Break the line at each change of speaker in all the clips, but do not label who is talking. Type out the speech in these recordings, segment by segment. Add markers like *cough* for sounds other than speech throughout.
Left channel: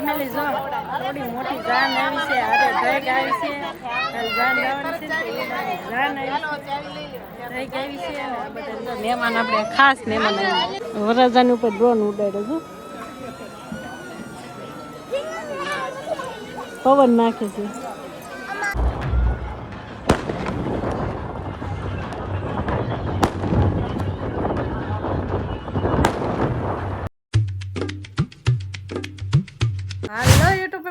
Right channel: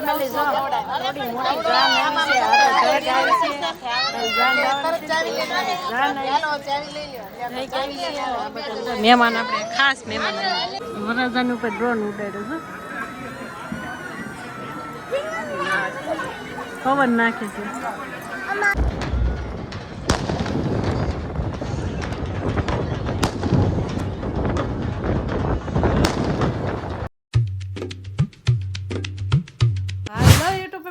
Family જો થોડી મોટી જાન આવી છે, હારે ધૈક આવી છે જાન જવાની છે જાન આવી છે. આ બધા મહેમાન આપણે ખાસ મહેમાન આવી વરરાજાની ઉપર ડ્રોન ઉડાડ્યો છો. પવન નાખે છે.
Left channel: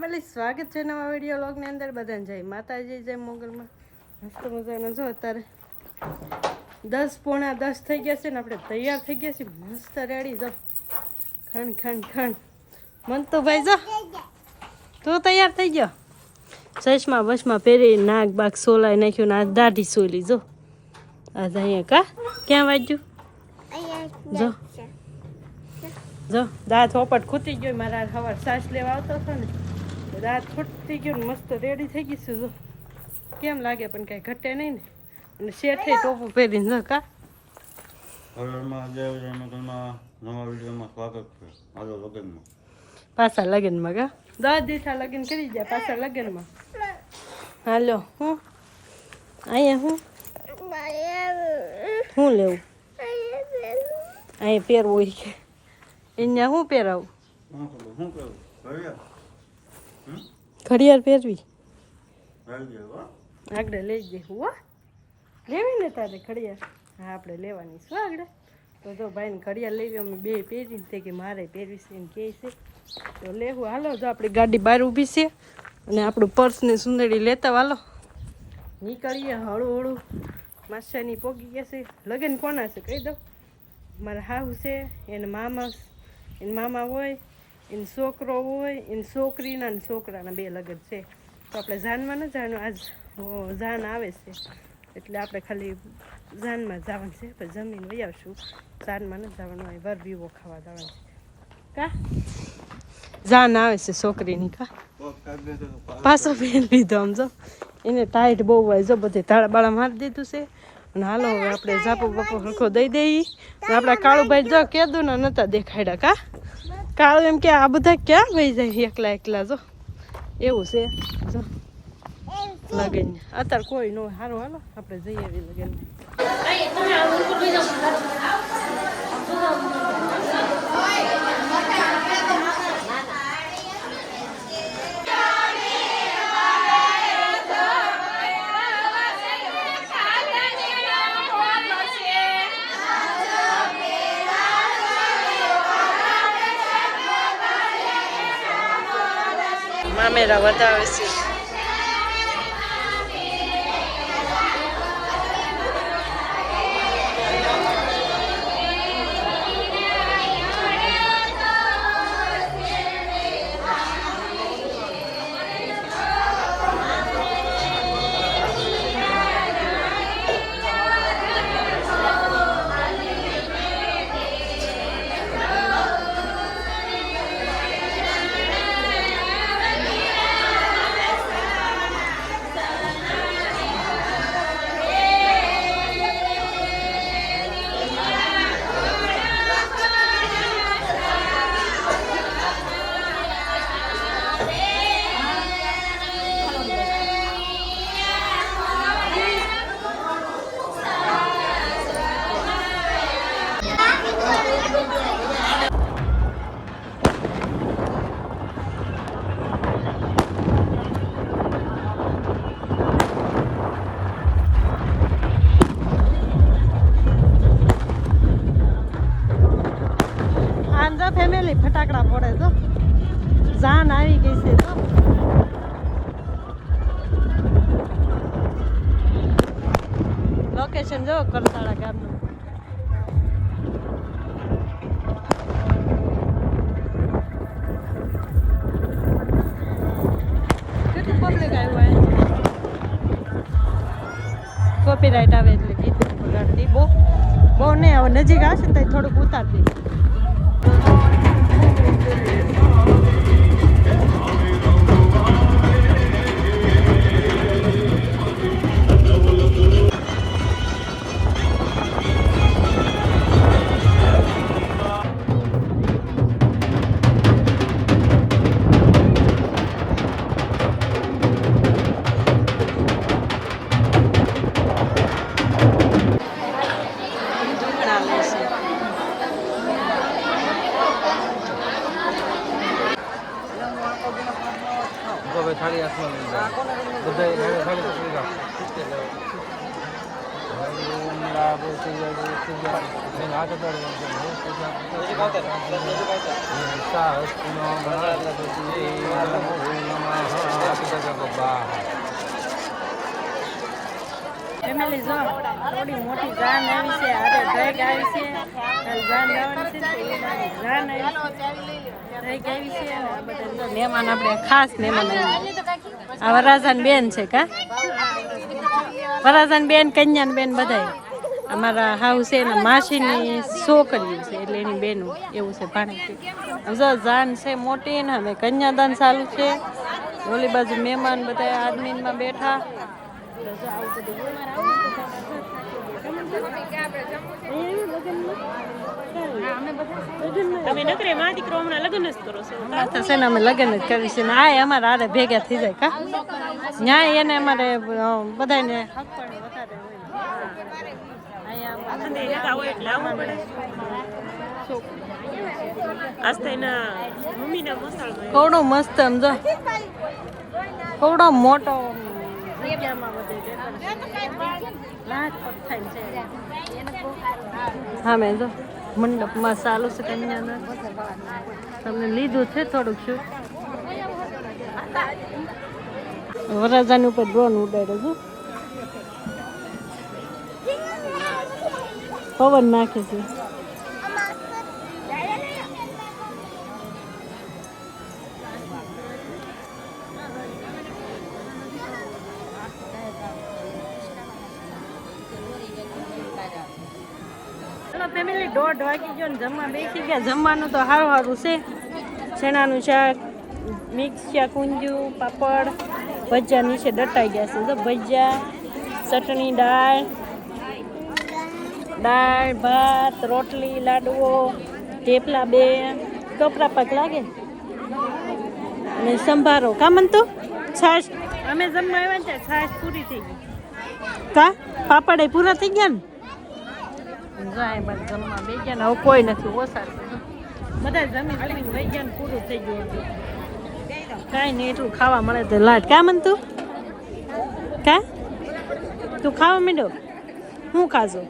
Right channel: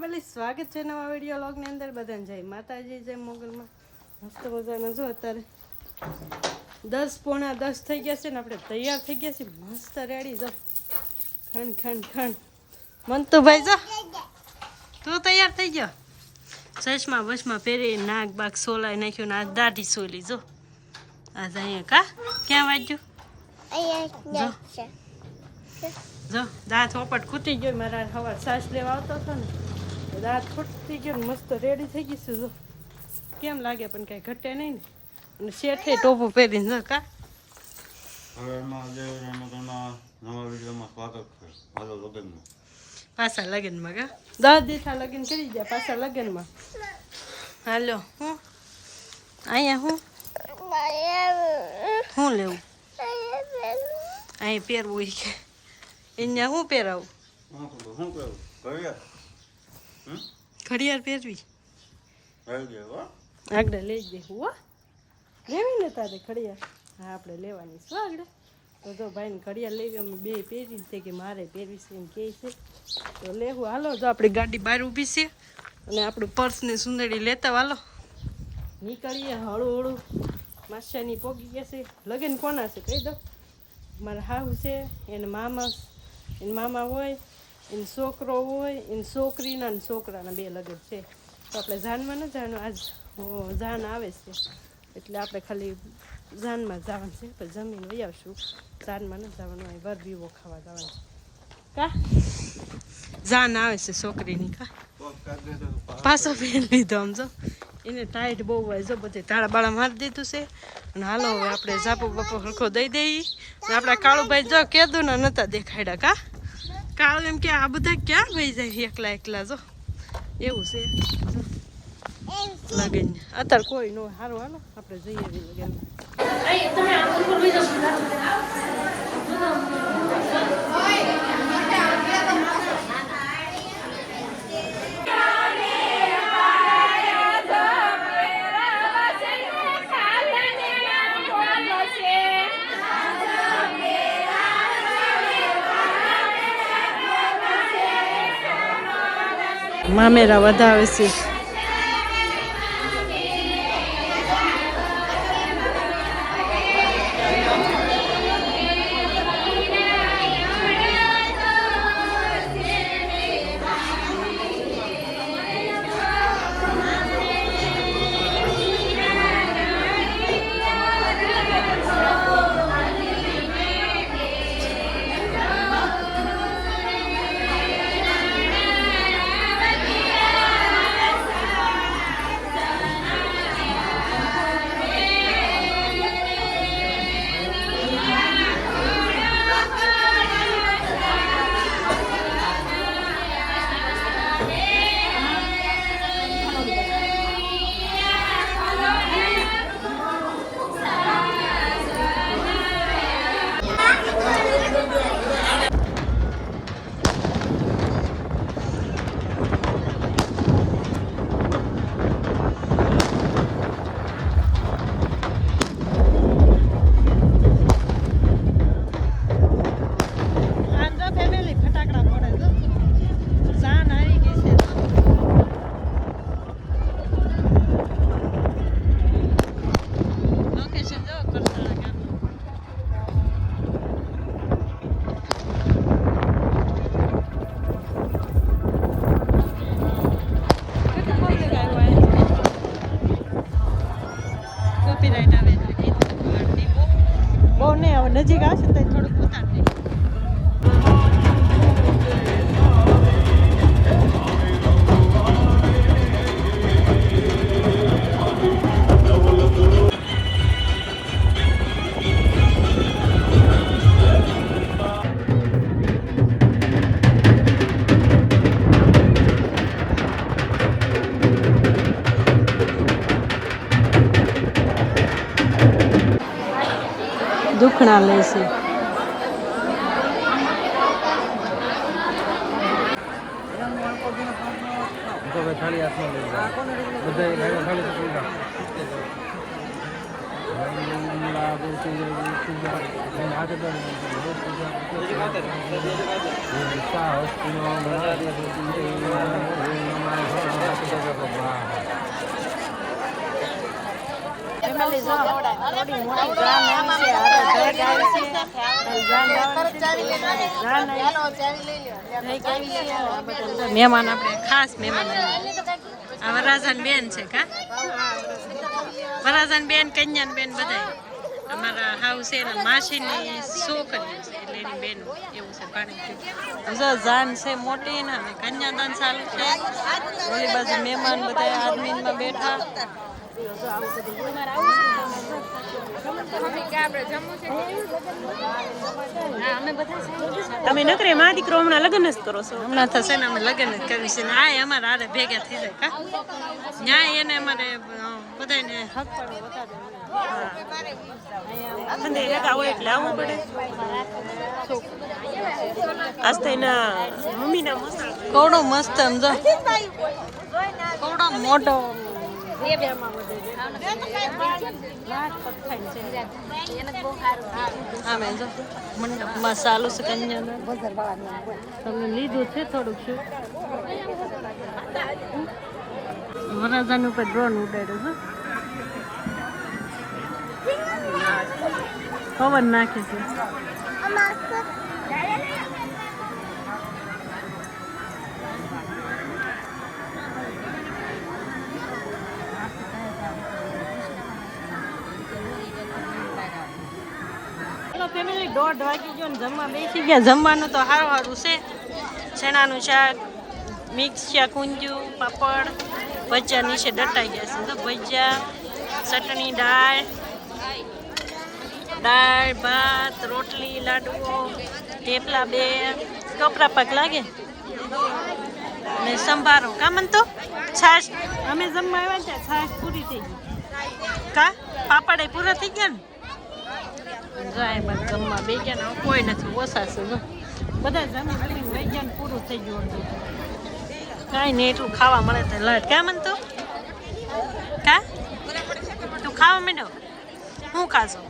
પહેલી સ્વાગત છે નવા વીડિયો લોગની અંદર બધાને જય માતાજી, જય મોગલમાં. મસ્ત મજાના જો અત્યારે દસ પોણા દસ થઈ ગયા છે ને આપણે તૈયાર થઈ ગયા છીએ. મસ્ત રેડી, જો. ખણ ખણ ખણ. મંતુભાઈ, જો. તું તૈયાર થઈ ગયો? ચશ્મા બસમાં પહેરી નાક બાગ સોલાઈ નાખ્યું ને આ દાઢી સોલી જો. આ અહીંયા કા? ક્યાં વાગ્યું? જો. જો, દાંત ઓપટ ખૂટી ગયો, મારા સવાર સાસ લેવા આવતો હતો ને. દાંત ફૂટતી ગયો મસ્ત રેડી થઈ ગઈ છું જો. કેમ લાગે પણ કાંઈ ઘટે નહીં ને? અને શેઠે ટોપું પહેરીને કા? પાછા લગ્નમાં કા? દસ દીઠા લગ્ન કરી દે પાછા લગ્નમાં. હાલો હું? અહીંયા હું? શું લેવું? અહીંયા પહેરવું કે? અહીંયા શું પહેરાવું
શું ખબર શું કરું કર્યા હમ
ઘડિયાળ પહેરવી. આગળ લઈ જઈ હો લેવી ને તારે ઘડિયાળ? હા આપણે લેવાની શું આગળ. તો જો ભાઈને ઘડિયાળ લેવી અમે બે પહેરી તે કે મારે પહેરવી છે એમ કહે છે. તો લેવું હાલો જો આપણી ગાડી બહાર ઊભી છે. અને આપણું પર્સ ને સુંદરી લેતા હાલો નીકળીએ હળું હળું માસાની પોગી ગયા છે. લગ્ન કોના છે કહી દઉં. મારા હાહુ છે એને મામા એને મામા હોય. એને છોકરો હોય એને છોકરીના ને છોકરાના બે લગ્ન છે. તો આપણે જાનમાં ન જાણવું આજ જાન આવે છે. એટલે આપણે ખાલી જાનમાં જવાનું છે, પછી જમીન વહી આવશું. જાનમાં ન જવાનું હોય વર વિવો ખાવા જવાનું છે. કા? જાન આવે છે છોકરીની કા? પાછો પહેરી લીધો આમ જો. એને ટાઈટ બહુ હોય, જો બધે તાળા બાળા મારી દીધું છે. અને હાલો હવે આપણે ઝાપો બાપો હરખો દઈ દઈએ. આપણા કાળુભાઈ જો કેદું ના નતા દેખાડ્યા કા? કાળું એમ કે આ બધા ક્યાં વહી જાય એકલા એકલા જો. એવું છે. લગન અત્યારે કોઈ ન સારું હાલો આપણે જઈએ લગન Dawes's છે ચણા લેશે
તો ભાઈ થાળી હાથમાં લઈ જાઓ બધા
ફેમિલી જો થોડી મોટી જાન આવી છે, હારે ધૈક આવી છે. કાલ જાન ગાવાની છે જાન આવી ધૈક આવી છે અને આ બધા મહેમાન આપણે ખાસ મહેમાન આવી આ વરાજાન બેન છે કા? વરાજાન બેન, કન્યાન બેન બધાય. અમારા હાઉ છે ને માસીની છોકરી છે, એટલે એની બેનું એવું છે ભાણે જો જાન છે મોટી ને હવે કન્યાદાન ચાલુ છે. ઓલી બાજુ મહેમાન બધા આદમીમાં બેઠા. તો જો આવું બધું હોય?
તમે નકરે માં દીકરો હમણાં લગ્ન જ કરો છો?
હમણાં તો ને અમે લગ્ન જ કરવી છે ને આ અમારે આરે ભેગા થઈ જાય કા? ન્યાય એને અમારે બધાને હકપાણું વધારે હોય. કવડો મસ્ત સમજો જો. મોટો હા, મેં જો મંડપમાં ચાલુ છે કન્યાદાન. તમને લીધું છે થોડુંક શું? વરરાજાની ઉપર ડ્રોન ઉડાડ્યો છું. પવન નાખે છે. હલો ફેમિલી દોઢ વાગી ગયો ને જમવા બેસી ગયા. જમવાનું તો સારું સારું છે. ચણાનું શાક, મિક્સ શાક, ઊંધિયું, પાપડ, ભજીયા નીચે દટાઈ ગયા છે. તો ભજીયા, ચટણી, દાળ દાળ, ભાત, રોટલી લાડવો થેપલા બે. કપરા પાક લાગે? અને સંભારો. કા મનતો? છાશ. અમે જમવા આવ્યા ત્યાં છાશ પૂરી થઈ ગઈ. કા? પાપડ પૂરા થઈ ગયા ને? જાય બસ જમવા બે ગયા ને હવે કોઈ નથી, ઓછા છે, જો. બધા જમી જમીને વહી ગયા પૂરું થઈ ગયું અડધું. કાંઈ નહીં, એટલું ખાવા મળે તો લાજ કા મન તું? કા તું ખાવા માંડ્યો? હું ખાજો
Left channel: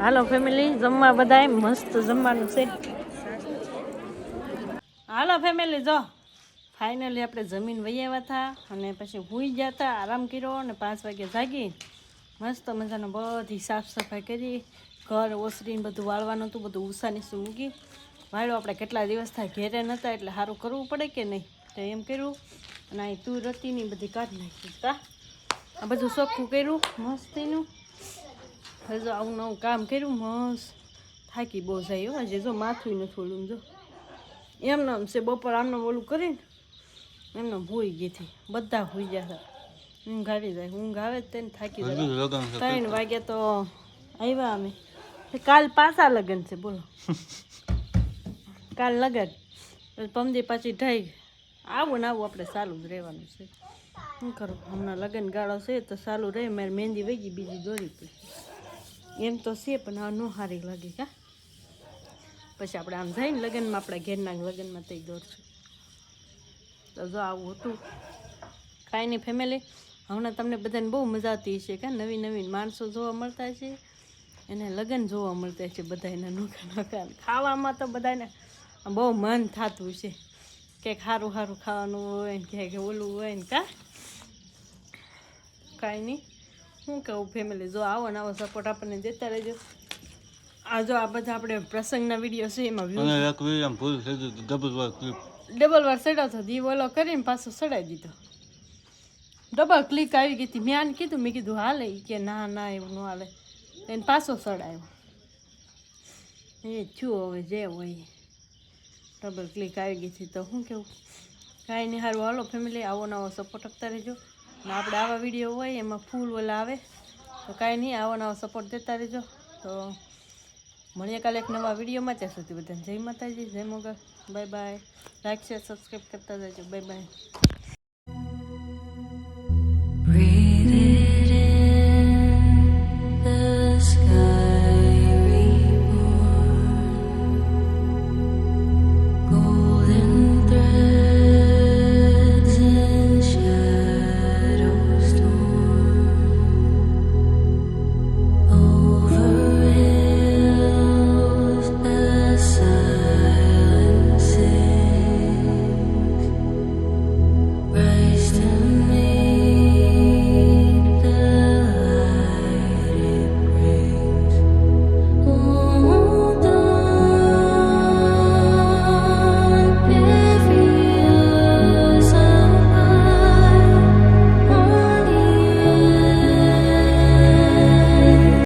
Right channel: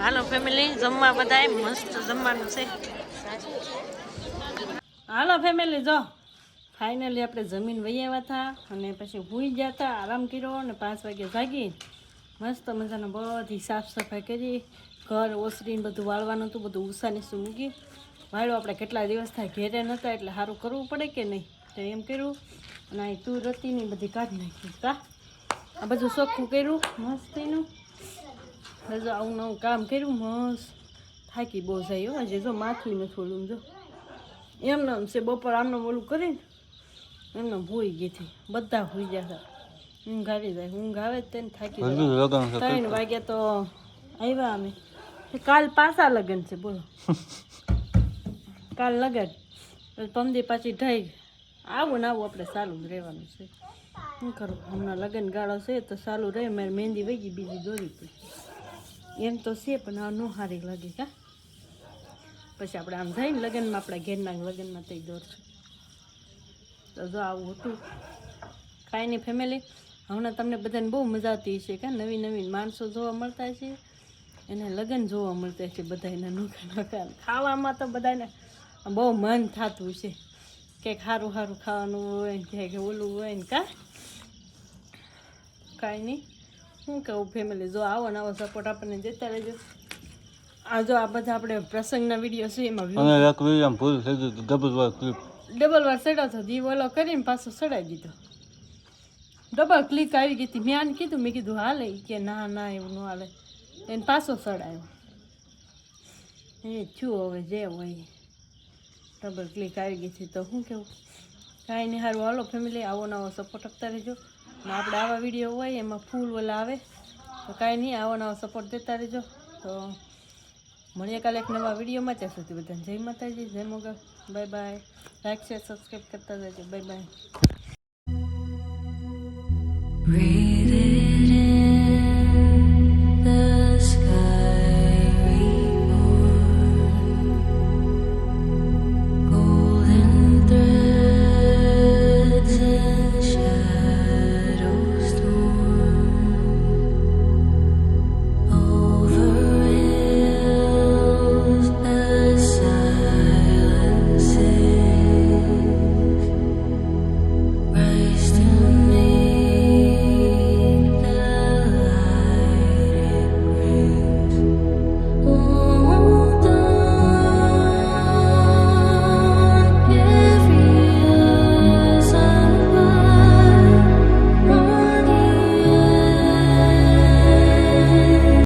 હાલો ફેમિલી જમવા બધાય મસ્ત જમવાનું છે. હાલો ફેમિલી જો. ફાઇનલી આપણે જમીન વહી હતા અને પછી હુઈ ગયા હતા, આરામ કર્યો અને પાંચ વાગે જાગી. મસ્ત મજાના બધી સાફ સફાઈ કરી, ઘર ઓસરીને બધું વાળવાનું હતું, બધું ઉષા શું મૂકી. વાળો આપણે કેટલા દિવસ થાય ઘેરે નહોતા એટલે સારું કરવું પડે કે નહીં? તો એમ કર્યું. અને અહીં તું રતીની બધી કાઢી નાખી, કા? આ બધું ચોખ્ખું કર્યું, મસ્તીનું. હજુ આવું નવું કામ કર્યું, મસ્ત. થાકી બહુ જાય હજે જો માથું નથી થોડું, જો. એમને છે બપોર આમનું ઓલું કરીને એમને ભૂઈ ગઈ હતી બધા ભૂઈ ગયા હતા. ઊંઘ આવી જાય. ઊંઘ આવે તેને થાકી જાય ત્રણ વાગ્યા તો આવ્યા અમે. કાલ પાછા લગન છે બોલો. *laughs* કાલ લગન. પમદી પાછી ઢાઈ આવું ને આવું આપણે ચાલુ જ રહેવાનું છે. શું કરું? હમણાં લગન ગાળો છે તો ચાલુ રહે. મારી મહેંદી વહી ગઈ બીજી દોરી હતી. એમ તો છે પણ આ નો સારી લાગે કા? પછી આપણે આમ જઈને લગ્નમાં આપણા ઘેરના લગ્નમાં તઈ દોરશું. તો જો આવું હતું. કાંઈ નહીં ફેમિલી હમણાં તમને બધાને બહુ મજા આવતી હશે કે નવી નવીન માણસો જોવા મળતા છે. એને લગ્ન જોવા મળતા છે બધા એના નોખા નોખા. ખાવામાં તો બધાને બહુ મન થતું છે. ક્યાંક સારું સારું ખાવાનું હોય ને ક્યાંક ઓલું હોય ને કા? કાંઈ નહીં. શું કહું ફેમિલી જો આવો ને આવો સપોર્ટ આપણને દેતા રહેજો. આ જો આ બધા આપણે પ્રસંગના વીડિયો છે એમાં
ડબલ વાર ક્લિપ
ડબલ વાર ચડાવતો દી ઓલો કરીને પાછો સડાવી દીધો. ડબલ ક્લિક આવી ગઈ હતી. મેં આને કીધું, મેં કીધું, હાલે. કે, ના ના, એવું ન હાલે. એને પાછો ચડાવ્યો એ છું હવે જે હોય. ડબલ ક્લિક આવી ગઈ હતી. તો શું કેવું? કાંઈ નહીં સારું હાલો ફેમિલી આવો નવો સપોર્ટ આપતા રહેજો. ને આપણે આવા વીડિયો હોય, એમાં ફૂલ ઓલા આવે. તો કાંઈ નહીં, આવો નવો સપોર્ટ દેતા રહેજો. તો મળીએ કાલે એક નવા વિડીયોમાં ત્યાં સુધી બધાને જય માતાજી, જય Mogal. Bye bye like share subscribe કરતા જજો બાય બાય